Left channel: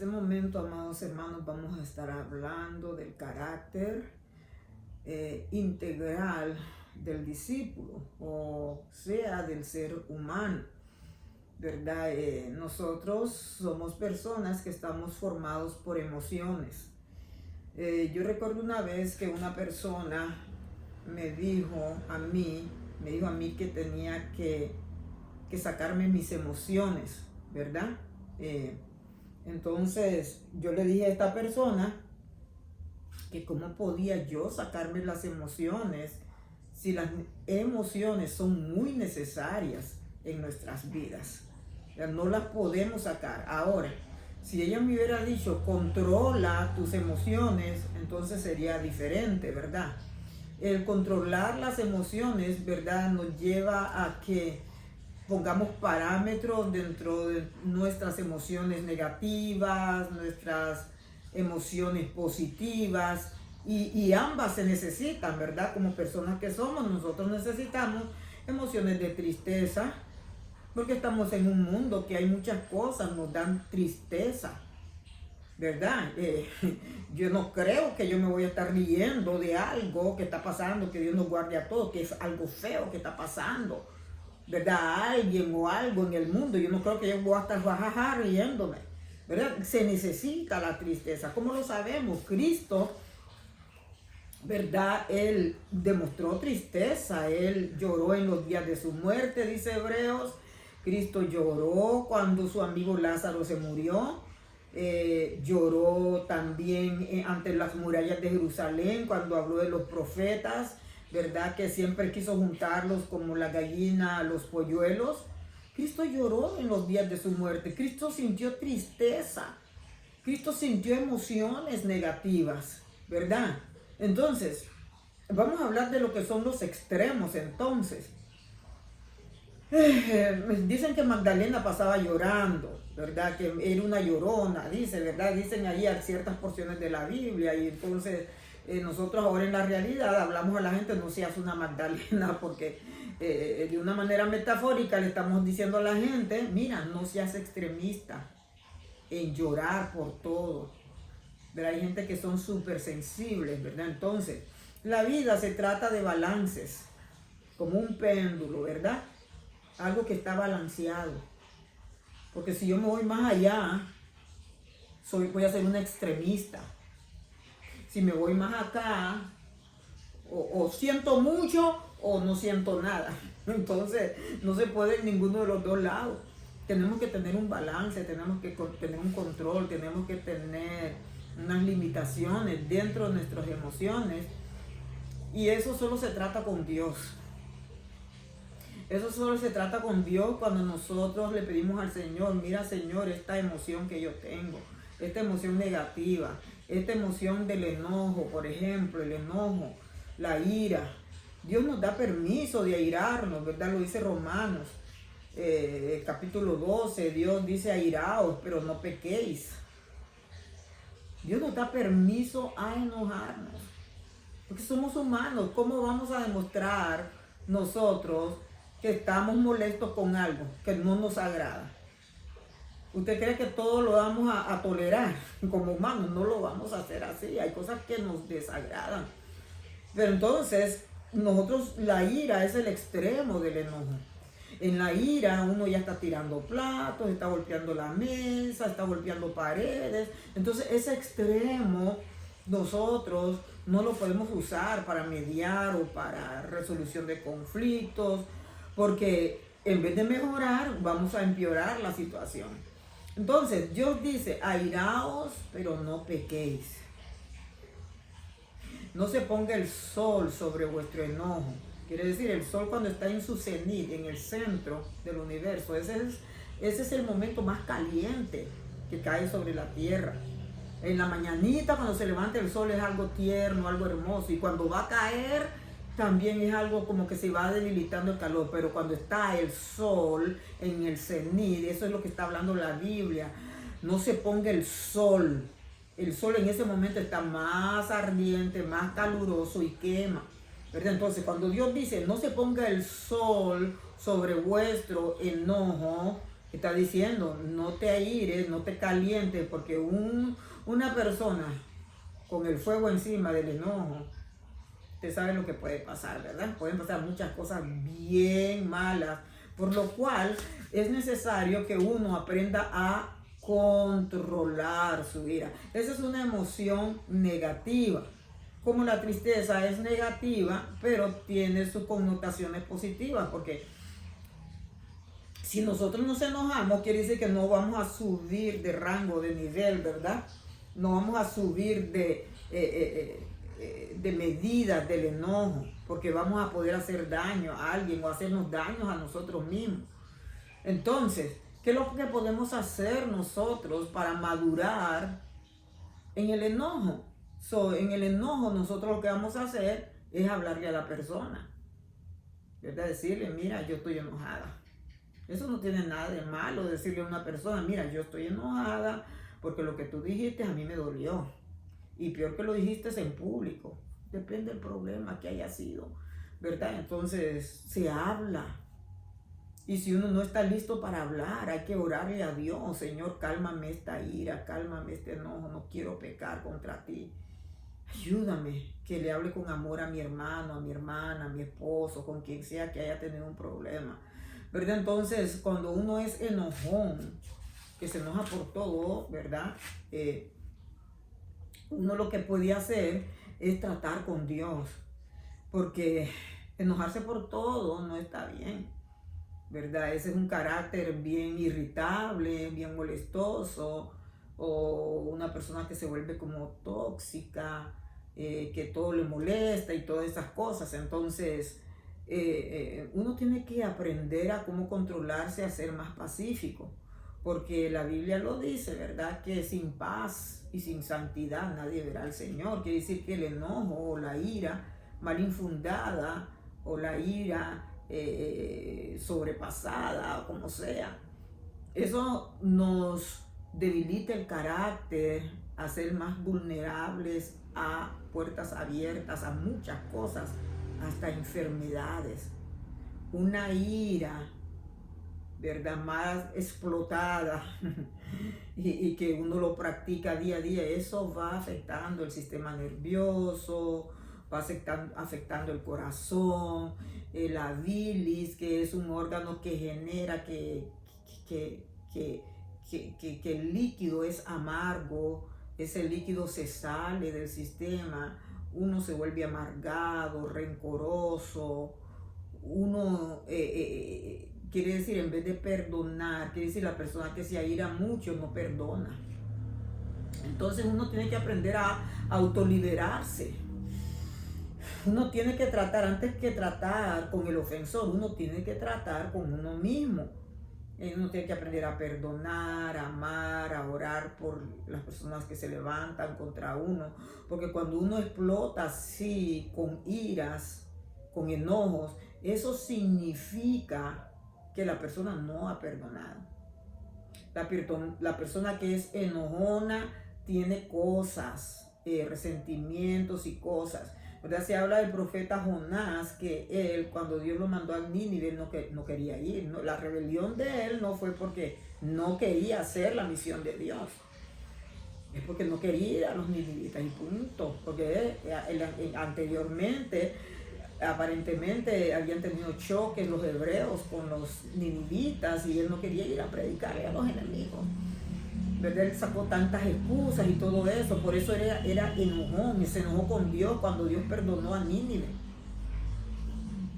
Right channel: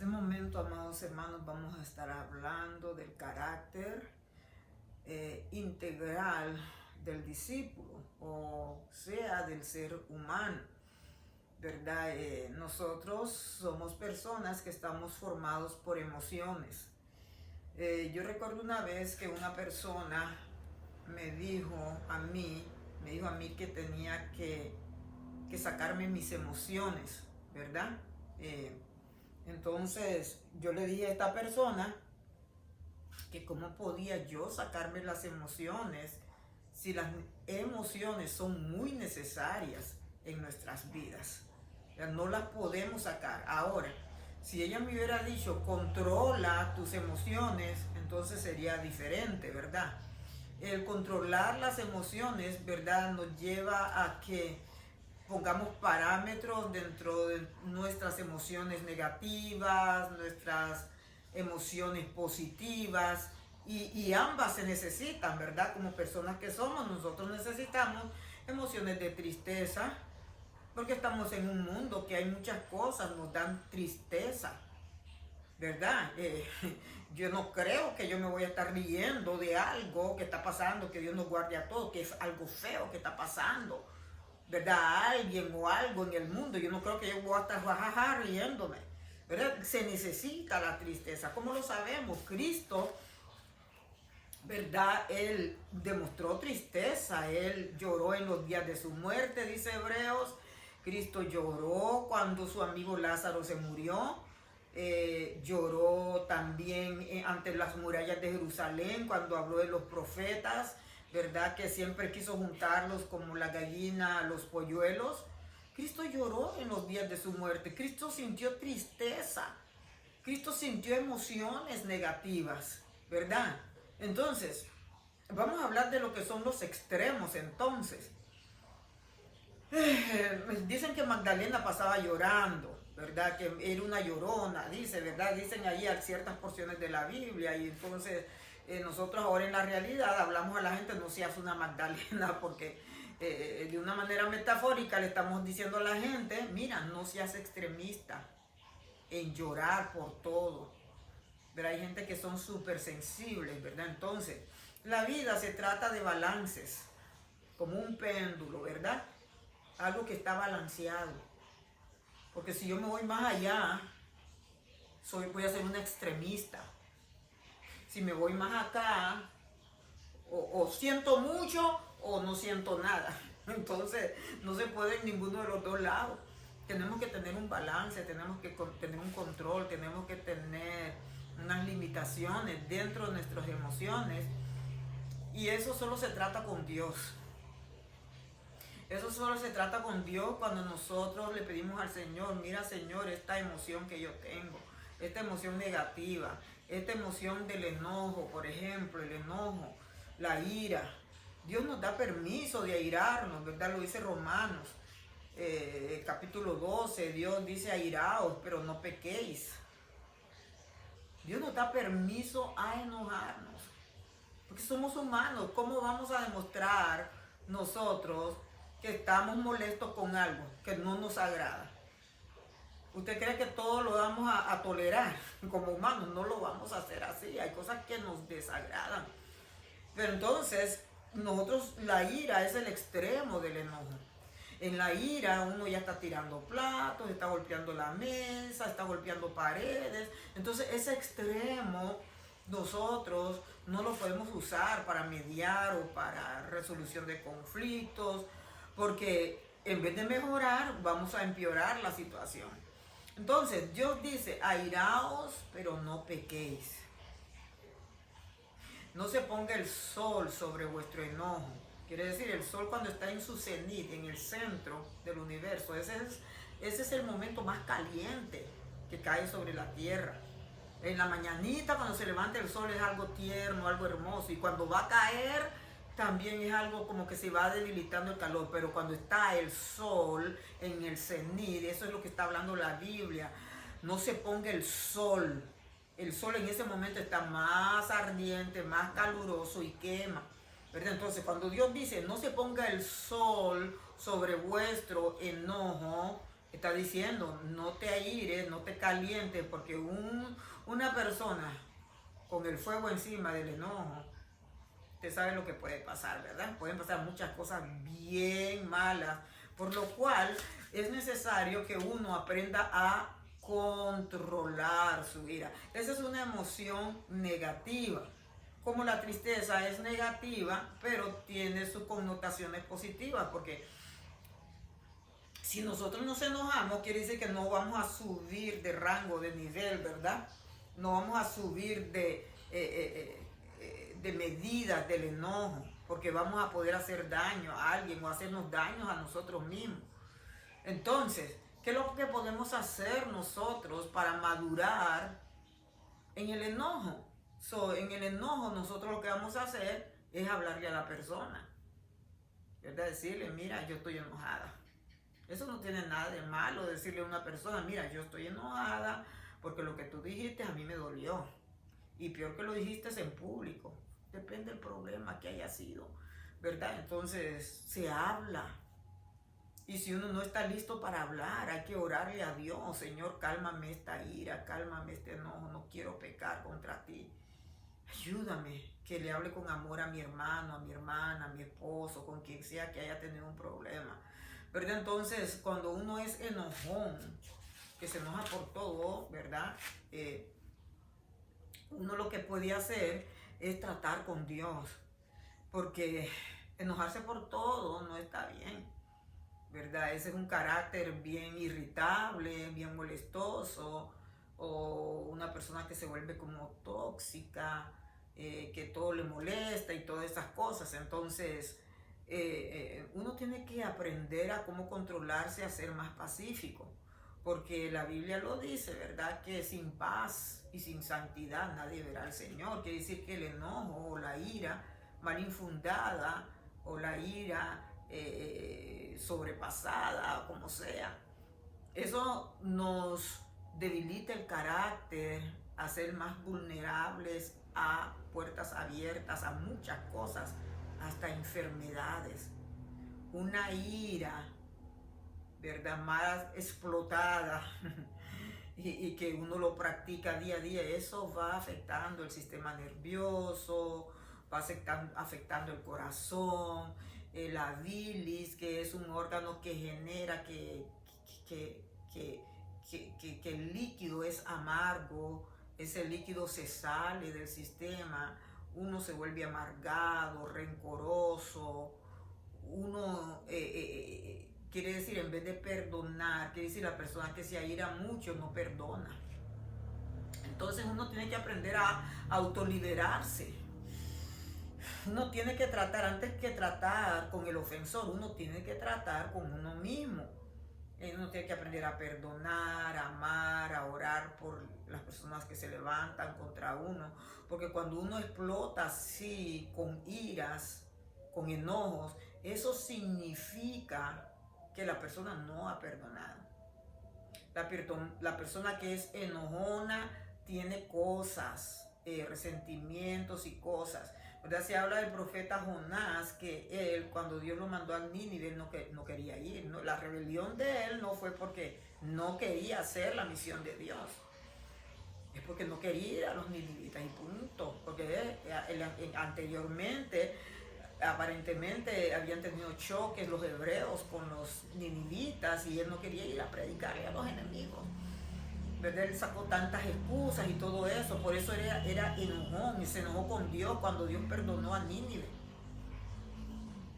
este momento, amados hermanos, vamos a estar hablando del carácter integral del discípulo, o sea, del ser humano, ¿verdad? Nosotros somos personas que estamos formados por emociones. Yo recuerdo una vez que una persona me dijo a mí que tenía que sacarme mis emociones, ¿verdad? Entonces yo le dije a esta persona que cómo podía yo sacarme las emociones si las emociones son muy necesarias en nuestras vidas. Ya no las podemos sacar. Ahora, si ella me hubiera dicho controla tus emociones, entonces sería diferente, ¿verdad? El controlar las emociones, ¿verdad?, nos lleva a que pongamos parámetros dentro de nuestras emociones negativas, nuestras emociones positivas, y ambas se necesitan, ¿verdad? Como personas que somos, nosotros necesitamos emociones de tristeza, porque estamos en un mundo que hay muchas cosas, nos dan tristeza, ¿verdad? Yo no creo que yo me voy a estar riendo de algo que está pasando, que Dios nos guarde a todos, que es algo feo que está pasando, ¿verdad? A alguien o algo en el mundo. Yo no creo que yo voy a estar jajaja riéndome, ¿verdad? Se necesita la tristeza. ¿Cómo lo sabemos? Cristo, ¿verdad? Él demostró tristeza, él lloró en los días de su muerte, dice Hebreos. Cristo lloró cuando su amigo Lázaro se murió. Lloró también ante las murallas de Jerusalén cuando habló de los profetas, ¿verdad? Que siempre quiso juntarlos como la gallina a los polluelos. Cristo lloró en los días de su muerte. Cristo sintió tristeza. Cristo sintió emociones negativas, ¿verdad? Entonces, vamos a hablar de lo que son los extremos, entonces. Dicen que Magdalena pasaba llorando, ¿verdad? Que era una llorona, dice, ¿verdad? Dicen ahí ciertas porciones de la Biblia, y entonces nosotros ahora en la realidad hablamos a la gente, no seas una Magdalena, porque de una manera metafórica le estamos diciendo a la gente, mira, no seas extremista en llorar por todo, ¿verdad? Hay gente que son súper sensibles, ¿verdad? Entonces, la vida se trata de balances, como un péndulo, ¿verdad? Algo que está balanceado. Porque si yo me voy más allá, voy a ser una extremista. Si me voy más acá, o siento mucho o no siento nada. Entonces, no se puede en ninguno de los dos lados. Tenemos que tener un balance, tenemos que tener un control, tenemos que tener unas limitaciones dentro de nuestras emociones. Y eso solo se trata con Dios. Eso solo se trata con Dios cuando nosotros le pedimos al Señor, mira Señor, esta emoción que yo tengo, esta emoción negativa, esta emoción del enojo, por ejemplo, el enojo, la ira. Dios nos da permiso de airarnos, ¿verdad? Lo dice Romanos, capítulo 12, Dios dice airaos, pero no pequéis. Dios nos da permiso a enojarnos, porque somos humanos. ¿Cómo vamos a demostrar nosotros que estamos molestos con algo que no nos agrada? ¿Usted cree que todo lo vamos a tolerar como humanos? No lo vamos a hacer así. Hay cosas que nos desagradan. Pero entonces, nosotros, la ira es el extremo del enojo. En la ira uno ya está tirando platos, está golpeando la mesa, está golpeando paredes. Entonces ese extremo nosotros no lo podemos usar para mediar o para resolución de conflictos, porque en vez de mejorar, vamos a empeorar la situación. Entonces, Dios dice, airaos, pero no pequéis. No se ponga el sol sobre vuestro enojo. Quiere decir, el sol cuando está en su cenit, en el centro del universo, ese es el momento más caliente que cae sobre la tierra. En la mañanita, cuando se levanta el sol, es algo tierno, algo hermoso. Y cuando va a caer, también es algo como que se va debilitando el calor. Pero cuando está el sol en el cenit, eso es lo que está hablando la Biblia. No se ponga el sol. El sol en ese momento está más ardiente, más caluroso y quema, ¿verdad? Entonces, cuando Dios dice, no se ponga el sol sobre vuestro enojo, Está diciendo, no te aires, no te calientes, porque una persona con el fuego encima del enojo, usted sabe lo que puede pasar, ¿verdad? Pueden pasar muchas cosas bien malas, por lo cual es necesario que uno aprenda a controlar su ira. Esa es una emoción negativa. Como la tristeza es negativa, pero tiene sus connotaciones positivas, porque si nosotros nos enojamos, quiere decir que no vamos a subir de rango, de nivel, ¿verdad? No vamos a subir de medidas del enojo, porque vamos a poder hacer daño a alguien o hacernos daños a nosotros mismos. Entonces, ¿qué es lo que podemos hacer nosotros para madurar en el enojo? En el enojo nosotros lo que vamos a hacer es hablarle a la persona, ¿verdad? Decirle, mira, yo estoy enojada. Eso no tiene nada de malo decirle a una persona, mira, yo estoy enojada porque lo que tú dijiste a mí me dolió. Y peor que lo dijiste es en público. Depende del problema que haya sido, ¿verdad? Entonces se habla. Y si uno no está listo para hablar, hay que orarle a Dios. Señor, cálmame esta ira, cálmame este enojo, no quiero pecar contra ti. Ayúdame que le hable con amor a mi hermano, a mi hermana, a mi esposo, con quien sea que haya tenido un problema, ¿verdad? Entonces, cuando uno es enojón, que se enoja por todo, ¿verdad? Uno lo que puede hacer es tratar con Dios, porque enojarse por todo no está bien, ¿verdad? Ese es un carácter bien irritable, bien molestoso, o una persona que se vuelve como tóxica, que todo le molesta y todas esas cosas. Entonces, uno tiene que aprender a cómo controlarse, a ser más pacífico, porque la Biblia lo dice, ¿verdad? Que sin paz y sin santidad nadie verá al Señor. Quiere decir que el enojo o la ira mal infundada o la ira sobrepasada, o como sea, eso nos debilita el carácter, a ser más vulnerables a puertas abiertas, a muchas cosas, hasta enfermedades. Una ira, ¿verdad?, más explotada y que uno lo practica día a día, eso va afectando el sistema nervioso, va afectando el corazón, la bilis, que es un órgano que genera que el líquido es amargo. Ese líquido se sale del sistema, uno se vuelve amargado, rencoroso, uno quiere decir, en vez de perdonar, quiere decir la persona que se aira mucho no perdona. Entonces uno tiene que aprender a autoliberarse. Uno tiene que tratar, antes que tratar con el ofensor, uno tiene que tratar con uno mismo. Uno tiene que aprender a perdonar, a amar, a orar por las personas que se levantan contra uno. Porque cuando uno explota así, con iras, con enojos, eso significa que la persona no ha perdonado. La persona que es enojona tiene cosas, resentimientos y cosas, ¿verdad? Se habla del profeta Jonás, que él, cuando Dios lo mandó a Nínive, no quería ir. No, la rebelión de él no fue porque no quería hacer la misión de Dios, es porque no quería ir a los ninivitas y punto. Porque anteriormente, aparentemente, habían tenido choques los hebreos con los ninivitas y él no quería ir a predicarle a los enemigos, ¿verdad? Él sacó tantas excusas y todo eso, por eso era enojón, y se enojó con Dios cuando Dios perdonó a Nínive,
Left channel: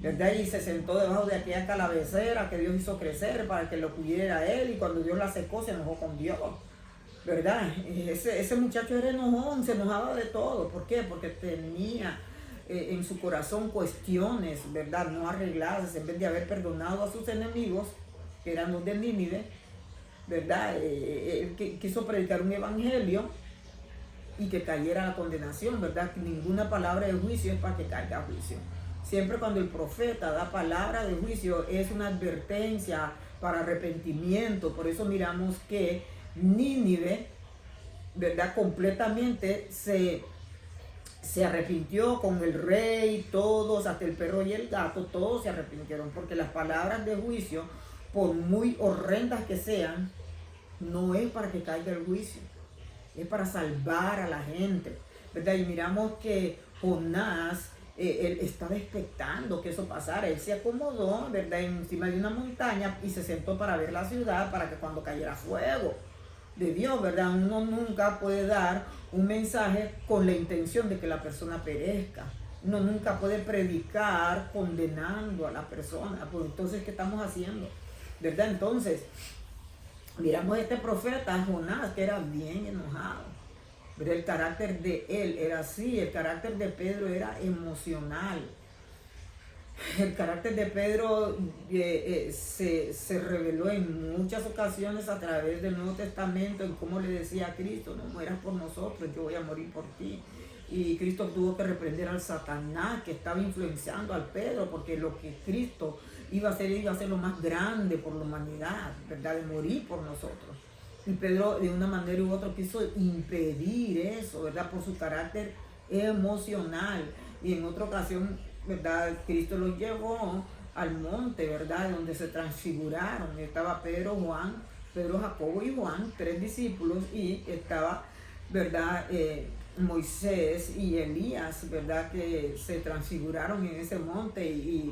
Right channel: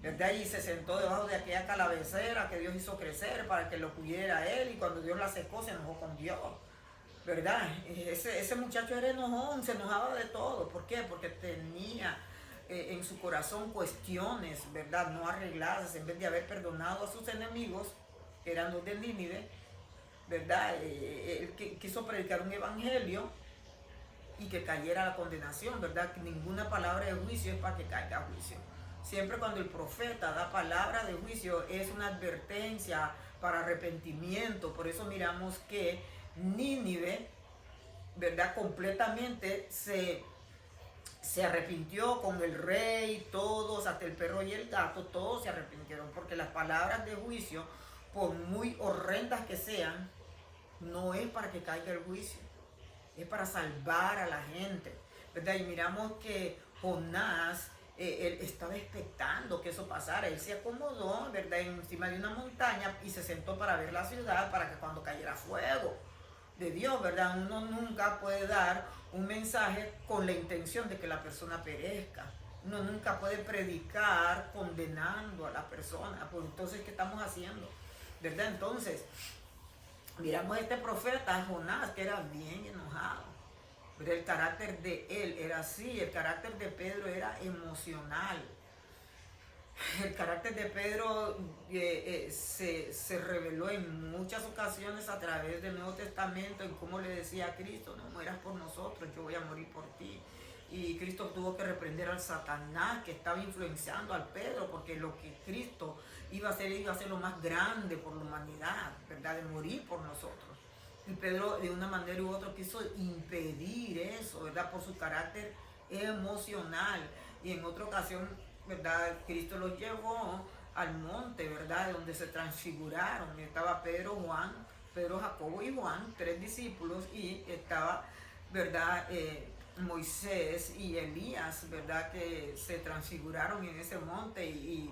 ¿verdad? Y se sentó debajo de aquella calavecera que Dios hizo crecer para que lo cuidara a él, y cuando Dios la secó se enojó con Dios, ¿verdad? Ese muchacho era enojón, se enojaba de todo. ¿Por qué? Porque tenía en su corazón cuestiones, ¿verdad?, no arregladas. En vez de haber perdonado a sus enemigos, que eran los de Nínive, ¿verdad? Él quiso predicar un evangelio y que cayera la condenación, ¿verdad? Que ninguna palabra de juicio es para que caiga a juicio. Siempre cuando el profeta da palabra de juicio es una advertencia para arrepentimiento. Por eso miramos que Nínive, ¿verdad?, completamente se arrepintió, con el rey, todos, hasta el perro y el gato, todos se arrepintieron, porque las palabras de juicio por muy horrendas que sean, no es para que caiga el juicio, es para salvar a la gente, ¿verdad? Y miramos que Jonás, él estaba expectando que eso pasara, él se acomodó, ¿verdad?, encima de una montaña y se sentó para ver la ciudad, para que cuando cayera fuego de Dios, ¿verdad? Uno nunca puede dar un mensaje con la intención de que la persona perezca. Uno nunca puede predicar condenando a la persona. Pues entonces, ¿qué estamos haciendo? ¿Verdad? Entonces, miramos a este profeta Jonás, que era bien enojado. Pero el carácter de él era así, el carácter de Pedro era emocional. El carácter de Pedro se reveló en muchas ocasiones a través del Nuevo Testamento, en cómo le decía a Cristo: no mueras por nosotros, yo voy a morir por ti. Y Cristo tuvo que reprender al Satanás que estaba influenciando al Pedro, porque lo que Cristo iba a hacer lo más grande por la humanidad, ¿verdad?, de morir por nosotros. Y Pedro, de una manera u otra, quiso impedir eso, ¿verdad?, por su carácter emocional. Y en otra ocasión, ¿verdad?, Cristo los llevó al monte, ¿verdad?, donde se transfiguraron. Estaba Pedro, Jacobo y Juan, 3 discípulos, y estaba, ¿verdad?, Moisés y Elías, ¿verdad?, que se transfiguraron en ese monte, y